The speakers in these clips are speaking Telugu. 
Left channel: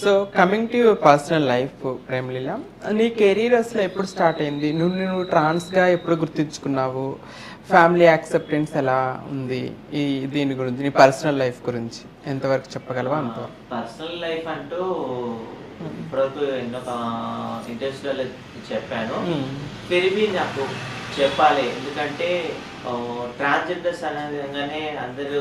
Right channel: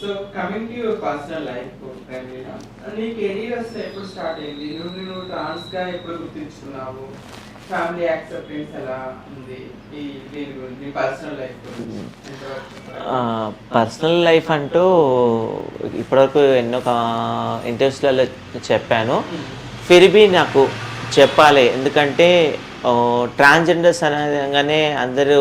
So coming to your personal life ప్రేమలీల, నీ కెరీర్ అసలు ఎప్పుడు స్టార్ట్ అయింది? నువ్వు ట్రాన్స్గా ఎప్పుడు గుర్తించుకున్నావు? ఫ్యామిలీ యాక్సెప్టెన్స్ ఎలా ఉంది? ఈ దీని గురించి, నీ పర్సనల్ లైఫ్ గురించి ఎంతవరకు చెప్పగలవా? పర్సనల్ లైఫ్ అంటూ ఇప్పటివరకు ఎన్నో ఇంటర్వ్యూస్లలో చెప్పాను. ఫిర్బీ నాకు చెప్పాలి, ఎందుకంటే ట్రాన్స్జెండర్స్ అనగానే అందరూ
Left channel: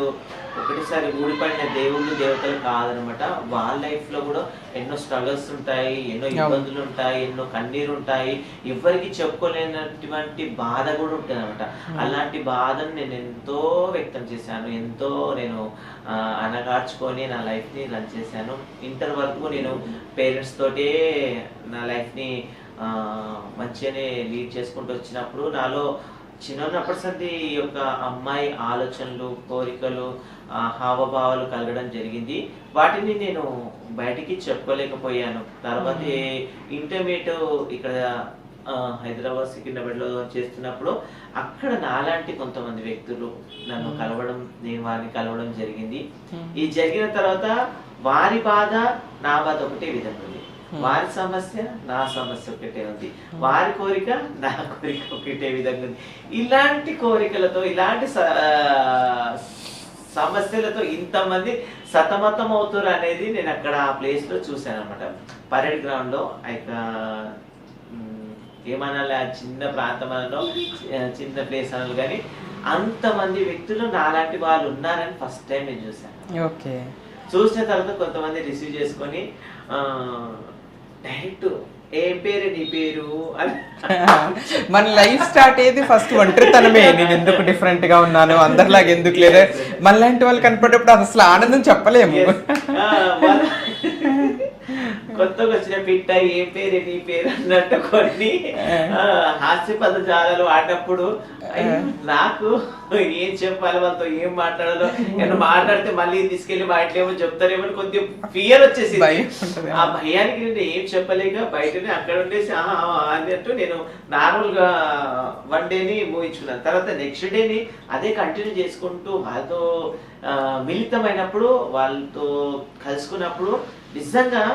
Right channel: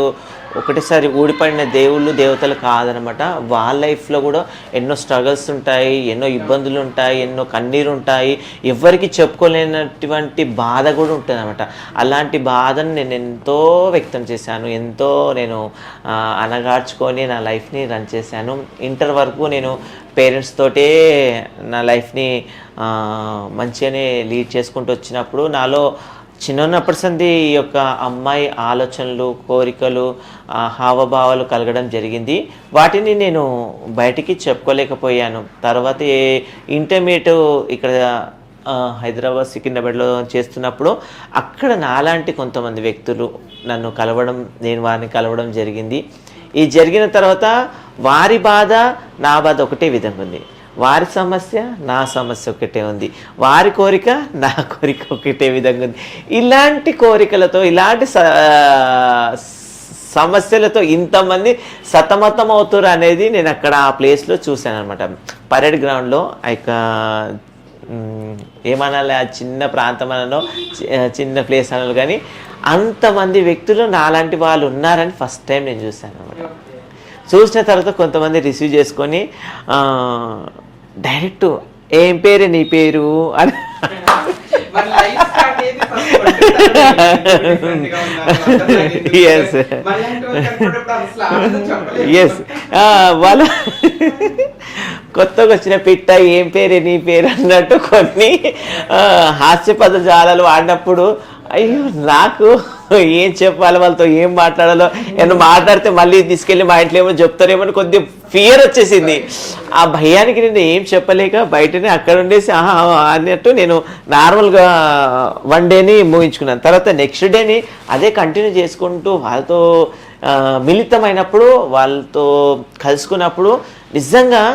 ఒకటేసారి ఊడిపడిన దేవుళ్ళు దేవతలు కాదనమాట. వాళ్ళ లైఫ్లో కూడా ఎన్నో స్ట్రగల్స్ ఉంటాయి, ఎన్నో ఇబ్బందులు ఉంటాయి, ఎన్నో కన్నీరు ఉంటాయి, ఎవరికి చెప్పుకోలేనటువంటి బాధ కూడా ఉంటుంది అనమాట. అలాంటి బాధను నేను ఎంతో వ్యక్తం చేశాను, ఎంతో నేను అనగార్చుకొని నా లైఫ్ని రన్ చేశాను. ఇంటర్ వరకు నేను పేరెంట్స్ తోటే నా లైఫ్ని మంచిగానే లీడ్ చేసుకుంటూ వచ్చినప్పుడు నాలో చిన్నప్పటి సంది ఈ యొక్క అమ్మాయి ఆలోచనలు, కోరికలు, హావభావాలు కలగడం జరిగింది. వాటిని నేను బయటికి చెప్పుకోలేకపోయాను. తర్వాత ఇంటర్మీడియట్ ఇక్కడ హైదరాబాద్ సికింద్రాబాద్లో చేస్తున్నప్పుడు అక్కడ నాలాంటి కొంతమంది వ్యక్తులు నన్ను కలవడం, నేను వారిని కలవడం జరిగింది. ఈ జరిగిన తర్వాత వారి బాధ నా బాధ ఒకటే విధంగా ఉంది, వారి సమస్య నా సమస్య ఒకటే ఉంది, వారి కోరిక నా కోరిక ఒకటే విధంగా ఉంది. ఇలాంటి కోరికలతో, ఇలాంటి సమస్యలతో ఇంతమంది సతమతం అవుతారు అనేది నేను అక్కడ ఆ ప్లేస్లో చూశాను అనమాట. పరేడ్ గ్రౌండ్లో ఏమనాలి, ఆ చిన్న ప్రాంతం అనో చిన్న ప్లేస్ అనాలి, కానీ అంతమంది వ్యక్తులు నాలాంటి వాళ్ళు ఉన్నారని ఫస్ట్ టైం నేను చూశాను. చూసిన తర్వాత కొంతమంది రిసీవ్ చేసుకొని డైరెక్ట్ ఏం పేరు నీ పేరు అని మన లైఫ్ స్టార్ట్ అయ్యేది ఫస్ట్ డిఫరెంట్ గా ఉన్నారు అందరిలాగా ఎందుకు, మనలాంటి వాళ్ళు కనపడేప్పుడు అసలు ఆనందం చెప్పలేదు. వాళ్ళ కొత్తగా వచ్చిన పిట్ట ఏం పేరు నీ పేరు అన్నట్టు కొన్ని హాస్యపద జాలాలు వాడినప్పుడు అయ్యో నాకు ఏం చెప్పాలి, వాళ్ళతో ఏం మాట్లాడాలో, నేను మాట్లాడితే మళ్ళీ తీసుకెళ్ళి మా ఇంట్లో ఏమో చెప్తారేమో అని కొద్దిగా ఫియర్ వచ్చేసింది. ఆ భయానికి నేను ఏం చెప్పలేక బయటనే అక్కడ ఉండేసి అన్నట్టు నేను నార్మల్గా వన్ డేని ముగించుకున్నాను. తర్వాత నెక్స్ట్ డేని అదే కంటిన్యూ చేసుకుంటూ వాళ్ళతో మిళితమైనప్పుడు, వాళ్ళతో కలుసుకున్నప్పుడు నిజంగా